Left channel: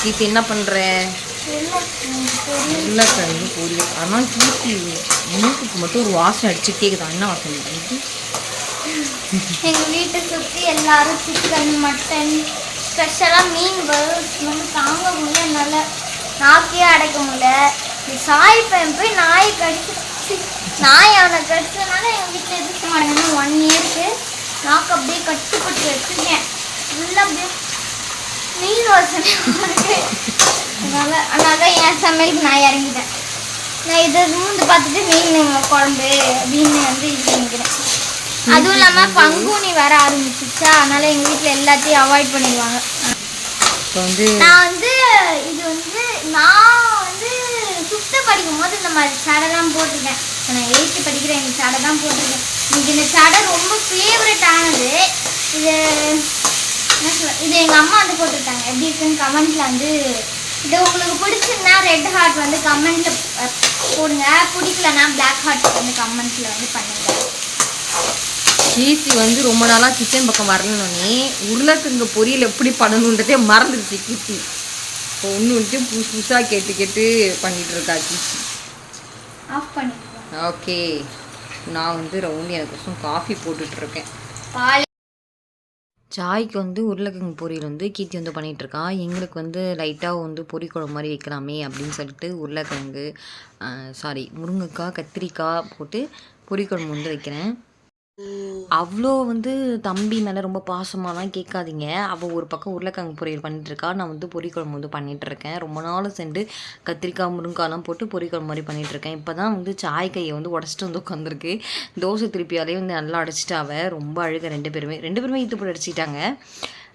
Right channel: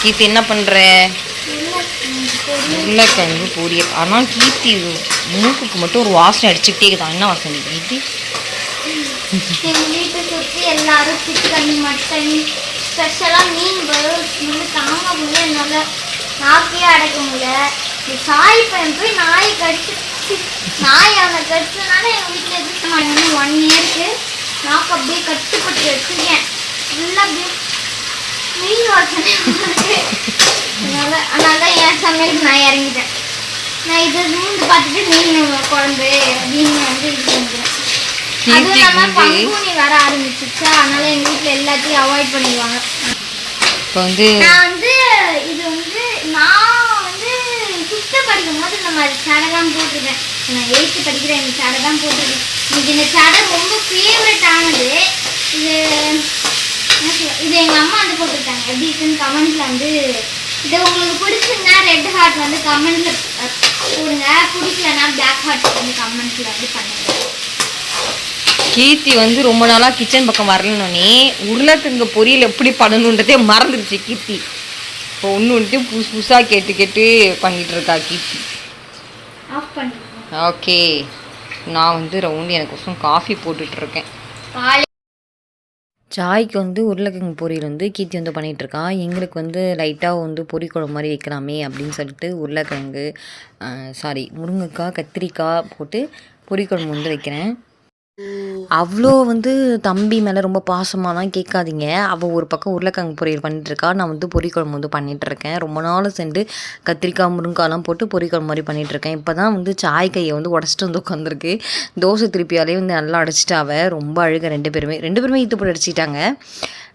கீர்த்தி என்ன பண்ணுற? உருளைக்கிழங்கு பொரியல். ஆனால் கீர்த்தி மூக்குக்கு மட்டும் ஒரு வாசனை அடிச்சுக்கிட்டே இருக்குதான். என்ன வாசனை கீர்த்தி? எங்கள் வீட்டை சுற்றி எல்லாரும் சிக்கன் மட்டன் ஸ்பெஷலாக மீன் வந்து தாங்க முடியல, என்னால் நாக்கையே அடைக்க முடியல. சாய் பையன் போய் நாயை கடிச்சு நாய் அவனை கடிச்சதுனால எங்கள் வீட்டில் எதிர்க்க மாட்டேங்குது. 1 இயருக்கு நாக்கு அப்படியே கட்டுப்பட்டு வச்சுருக்கேன். ஃபுல்லாக அப்படியே மீன் வாசனை. அதனால என் சமையலுக்கு நான் இறங்கிட்டேன். நான் இதை மூந்து பார்த்துட்டு மீன் குழம்பு அப்படின்னு வந்து இது பண்ணிக்கிறேன். அதுவும் இல்லாமல் பங்குனி வர ஆரம்பிச்சிச்சா, அதனால எங்கள் வீட்டில் எல்லாத்தையும் அவாய்ட் பண்ணிடுவாங்க. இப்போ வந்து நான் வந்து இது வந்து நான் வந்து 5th படிக்கும் போது இந்த மாதிரி சடை தான் போட்டிருக்கேன். இப்போ நான் 8th படிக்கிறேன், இந்த சடை தான் போட்டிருக்கேன். எனக்கு இந்த சடை ரொம்ப ஃபேவரட் ஆனது. இது இது எங்கள் அம்மா வந்து போட்டிருக்காங்க. எப்படி இருக்குன்னு கமெண்ட்டில் வந்து இது உங்களுக்கு பிடிச்சிருந்தா ரெட் ஹார்ட் வந்து கமெண்ட்டில் போடுங்க, பிடிக்கலன்னா பிளாக் ஹார்ட் வந்து கமெண்ட்டில் வந்து பண்ணுங்க. கீர்த்தி வந்து ரொம்ப நாளாக கிச்சன் பக்கம் வரலனோடனே உருளைக்கிழங்கு பொரியல் எப்படி பண்ணணுன்றதே மறந்துடுச்சு கீர்த்தி. இப்போ ஒன்று புதுசு புதுசாக கேட்டு கேட்டு பண்ணிகிட்டு இருக்கா கீர்த்தி. ஆஃப் பண்ணி ஓகே, நான் வந்து ரவுண்டு எனக்கோசம் காஃபி போட்டுட்ருக்கேன். சாய்க்கு வந்து உருளைக்கிழங்கு பொரியல் வந்து கீர்த்தி வந்து பண்ணிகிட்ருக்கா. எங்களுக்கு வந்து லைட்டாக வந்து பொரிக்குழம்பு மாதிரி வைக்கலாமே அப்படின்னு சொல்லிட்டு உருளைக்கிழங்கு முருங்கைக்காய் கத்திரிக்காய் போட்டு பொரிக்குழம்பு வந்து வைக்கிறேன். அவ்வளோ வந்து தம்பி மேலே ரொம்ப பாசமாலாம் கேட்காதீங்க. அவள் ஒரு பக்கம் உருளைக்கிழங்கு பொரியல் பண்ணிகிட்ருக்கா, நான் வந்து பொரிக்குழம்பு வந்து பண்ணிகிட்ருக்கேன். ரொம்ப நாள் சென்று கத்திரிக்காய் முருங்காலாம் போட்டு பொரிக்குழம்பு மாதிரி பண்ணிகிட்ருக்கேன். இப்போ தான் வந்து சாய் கையை வந்து உடச்சிட்டு வந்து உட்காந்துருக்கு. தோசை திருப்பியாலே வந்து நல்லா அடைச்சிட்டாவ. ரொம்ப அழுக ரெண்டு பேருமே ஈத்து போட்டு அடிச்சிட்டாங்க.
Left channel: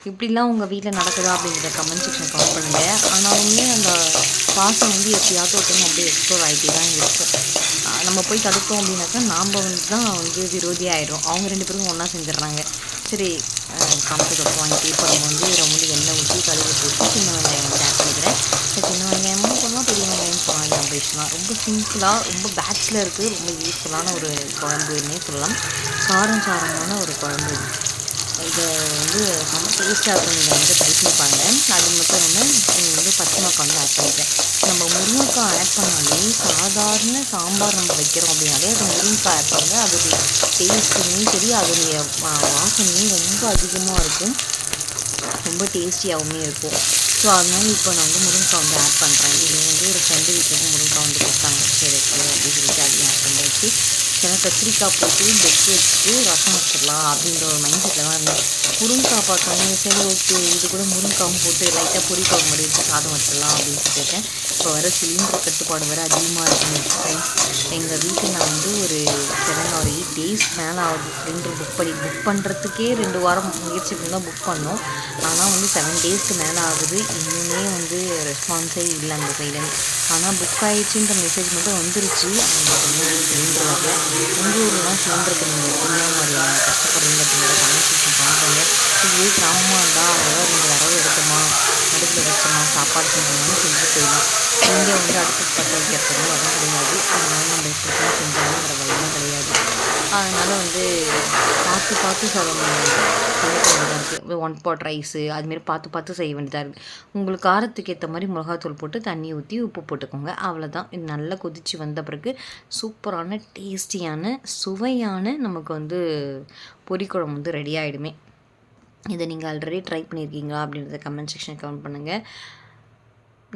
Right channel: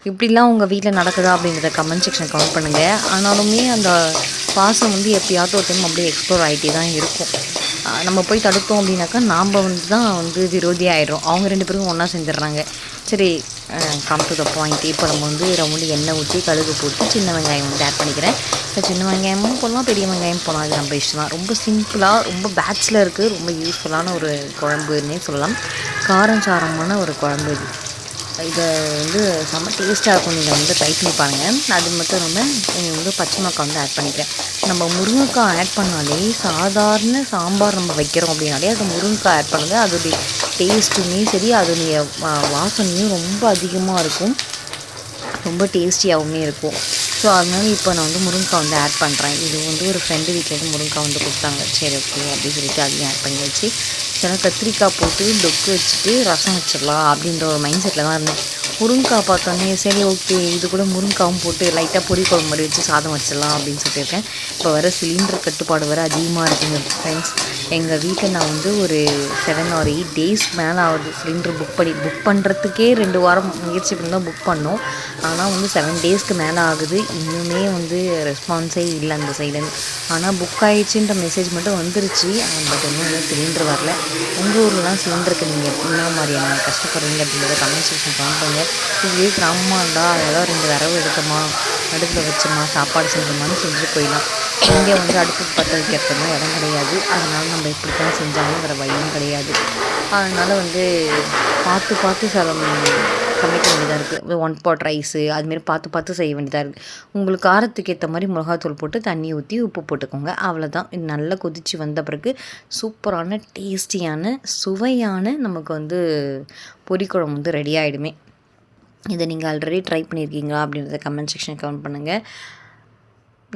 இப்படிலாம் உங்கள் வீட்டில் நடக்குதா அப்படிங்கிறத கமெண்ட் செக்ஷன் கமெண்ட் பண்ணுங்கள். ஆனாலுமே அந்த பாசம் வந்து எப்பயாவது ஒருத்தரும் அப்படியே எக்ஸ்ப்ளோர் ஆகிட்டே தான் இருக்கும். நம்ம போய் தடுத்தோம் அப்படின்னாக்கா நாம் வந்து தான் வந்து விரோதி ஆகிடும். அவங்க 2 பேரும் ஒன்றா செஞ்சிடறாங்க. சரி, கம்ப்ளீட் அப் பாயிண்ட். இப்போ நம்ம வந்து ரவுண்டு எண்ணெய் ஊற்றி கடுகு போட்டு சின்ன வெங்காயம் வந்து ஆட் பண்ணிக்கிறேன். சின்ன வெங்காயமும் போடலாம், பெரிய வெங்காயம் போடலாம், இது நம்ம இஷ்டம் தான். ரொம்ப சிம்பிளாக ரொம்ப பேச்சுலருக்கு ரொம்ப யூஸ்ஃபுல்லான ஒரு குழம்புன்னே சொல்லலாம். காரம் சாரமான ஒரு குழம்பு இது. இதை வந்து செம்ம டேஸ்ட்டாக இருக்கும். நீங்கள் வந்து ட்ரை பண்ணி பாருங்கள். அது மட்டும் இல்லாமல் வந்து பச்சை மிளகாய் வந்து ஆட் பண்ணிக்கிறேன். நம்ம முருங்கைக்காய் ஆட் பண்ணாலே சாதாரண சாம்பார் நம்ம வைக்கிறோம் அப்படின்னாலே அது முருங்கைக்காய் ஆட் பண்ணுங்கள். அதோடைய டேஸ்ட்டுமே சரி, அதோடைய வாசனையும் ரொம்ப அதிகமாக இருக்கும், ரொம்ப டேஸ்டியாகவுமே இருக்கும். ஸோ அதனால இப்போ நான் வந்து முருங்கைக்காய் வந்து ஆட் பண்ணுறேன். இது வந்து ஒரு ஃப்ரெண்டு வீட்டில் வந்து முருங்கைக்காய் வந்து கொடுத்தாங்க. சரி ஓகே அப்படின்னு சொல்லிட்டு அதையும் ஆட் பண்ணி வச்சு சில கத்திரிக்காய் போட்டு பெக்கு வச்சுட்டு ரசம் வச்சிடலாம் அப்படின்ற ஒரு மைண்ட் செட்டில் தான் இருந்தேன். முருங்கைக்காய் பார்த்தோன்னே சரி ஓகே, இது கூட முருங்கைக்காவும் போட்டு லைட்டாக பொரிக்குழம்பு மாதிரி வச்சு சாதம் வச்சிடலாம் அப்படின்னு சொல்லியிருக்கேன். இப்போ வர சிலிண்டர் கட்டுப்பாடு வர அதிகமாக இருக்குங்க ஃப்ரெண்ட்ஸ். எங்கள் வீட்டில் நான் வந்து ஒரு 7 or 8 days மேலே ஆகுது சிலிண்டர் புக் பண்ணுறதுக்கே 2 வாரம் முயற்சி பண்ணி தான் புக் பண்ணோம். ஆனால் வந்து 7 daysக்கு மேலே ஆகுது. இன்னுமே வந்து ரெஸ்பான்ஸே இல்லை அந்த சைட்லேருந்து. ஆனால் புக் ஆகிடுச்சின்ற மெசேஜ் மட்டும் வந்துருச்சு. பட் இன்னும் சிலிண்டர் வரல. உங்கள் ஊர்லாம் சிலிண்டருக்கு நீங்கள் என்ன மாதிரியான கஷ்டப்படுறீங்க அப்படின்றத கமெண்ட் செக்ஷன் கமெண்ட் பண்ணுங்கள். இதுவே கிராமமாக இருந்தால் அதெல்லாம் 2 விரவு எடுத்தோமா, அடுப்பில் வச்சோமா, சாப்பாடு செஞ்சோமான்னு செஞ்சுட்டு போயிடலாம். இங்கே வந்து அடுப்பு பற்ற வைக்கிறதுனா இடம் கிடையாது. அதனால் நம்ம எப்படி தான் செஞ்சாலும் வேறு வழியும் கிடையாது. அதனால் வந்து பார்த்து சமைக்க வேண்டியதாக இருக்குது. 1 pot ரைஸு அதுமாரி பார்த்து செய்ய வேண்டியதாக இருக்குது. உங்களுக்கு காரத்துக்கு ஏற்ற மாதிரி மிளகாத்தூள் போட்டு தண்ணி ஊற்றி உப்பு போட்டுக்கோங்க. அவ்வளோதான். இது நல்லா கொதித்து வந்த பிறகு சூப்பரான டேஸ்டியான சுவையான நமக்கு வந்து பொரிக்குழம்பு வந்து ரெடி ஆகிடுமே. இதை நீங்கள் ஆல்ரெடி ட்ரை பண்ணியிருக்கீங்களா அப்படின்றத கமெண்ட் செக்ஷன் கமெண்ட் பண்ணுங்கள்.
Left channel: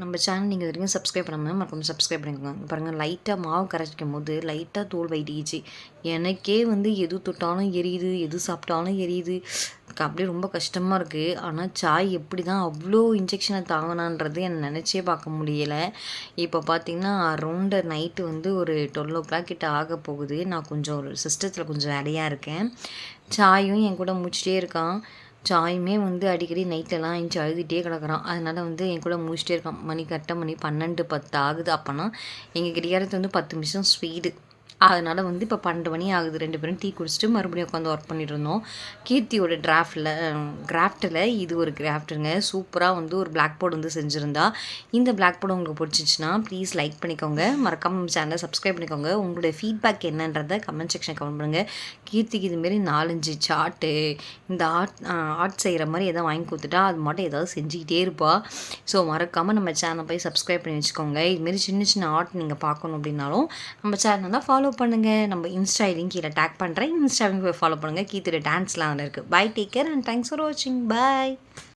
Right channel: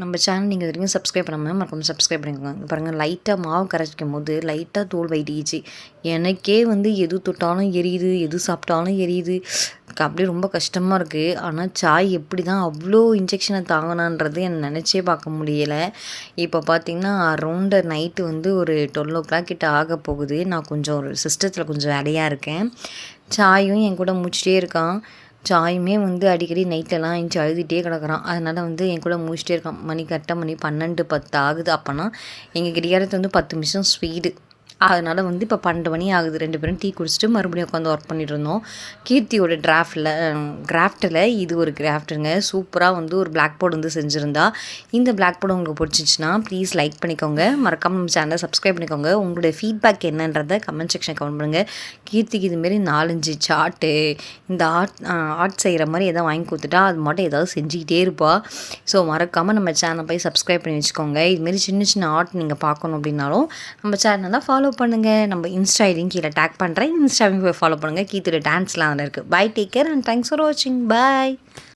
நம்ம சேனல் நீங்கள் வரைக்கும் சப்ஸ்கிரைப் பண்ணாமல் மறக்காம சப்ஸ்கிரைப் பண்ணிக்கோங்க. பாருங்கள், லைட்டாக மாவு கரைச்சிக்கும் போது லைட்டாக தோல் வைட்டிச்சு. எனக்கே வந்து எது தொட்டாலும் எரியுது, எது சாப்பிட்டாலும் எரியுது. அப்படியே ரொம்ப கஷ்டமாக இருக்குது. ஆனால் சாய் எப்படி தான் அவ்வளோ இன்ஜெக்ஷனை தாங்கினான்றது என்னை நினச்சே பார்க்க முடியலை. இப்போ பார்த்திங்கன்னா அரௌண்டு நைட்டு வந்து ஒரு 12 o'clock கிட்ட ஆக போகுது. நான் கொஞ்சம் ஒரு சிஸ்டத்தில் கொஞ்சம் வேலையாக இருக்கேன். சாயும் என் கூட முடிச்சிட்டே இருக்கான். சாயுமே வந்து அடிக்கடி நைட்டெல்லாம் எழுந்துச்சி அழுதுகிட்டே கிடக்குறான். அதனால் வந்து என் கூட முடிச்சிட்டே இருக்கான். மணி கரெக்டாக 12:10 ஆகுது. அப்போனா எங்கள் கிடையாது வந்து 10 நிமிஷம் ஸ்பீடு. அதனால் வந்து இப்போ 12 மணி ஆகுது. 2 பேரும் டீ குடிச்சிட்டு மறுபடியும் உட்காந்து ஒர்க் பண்ணிட்டு இருந்தோம். கீர்த்தியோட கிராஃப்டில் இது ஒரு கிராஃப்ட்டுங்க. சூப்பராக வந்து ஒரு பிளாக் போர்டு வந்து செஞ்சுருந்தா. இந்த பிளாக் போர்டு உங்களுக்கு பிடிச்சிச்சின்னா ப்ளீஸ் லைக் பண்ணிக்கோங்க, மறக்காம நம்ம சேனலை சப்ஸ்கிரைப் பண்ணிக்கோங்க. உங்களுடைய ஃபீட்பேக் என்னன்றதை கமெண்ட் செக்ஷன் கமெண்ட் பண்ணுங்கள். கீர்த்திக்கு இதுமாரி 4-5 சார்ட்டு இந்த ஆர்ட் செய்கிற மாதிரி எதாவது வாங்கி கொடுத்துட்டா அது மட்டும் ஏதாவது செஞ்சுக்கிட்டே இருப்பாள். ஸோ மறக்காமல் நம்ம சேனலை போய் சப்ஸ்கிரைப் பண்ணி வச்சுக்கோங்க. இதுமாரி சின்ன சின்ன ஆர்ட் நீங்கள் பார்க்கணும் அப்படின்னாலும் நம்ம சேனலை ஃபாலோ பண்ணுங்கள். நம்ம இன்ஸ்டா ஐடியும் கீழே டேக் பண்ணுறேன். இன்ஸ்டாவையும் போய் ஃபாலோ பண்ணுங்கள். கீர்த்தியோட டான்ஸ்லாம் அதில் இருக்குது. Bye, take care and thanks for வாட்சிங். பாய்.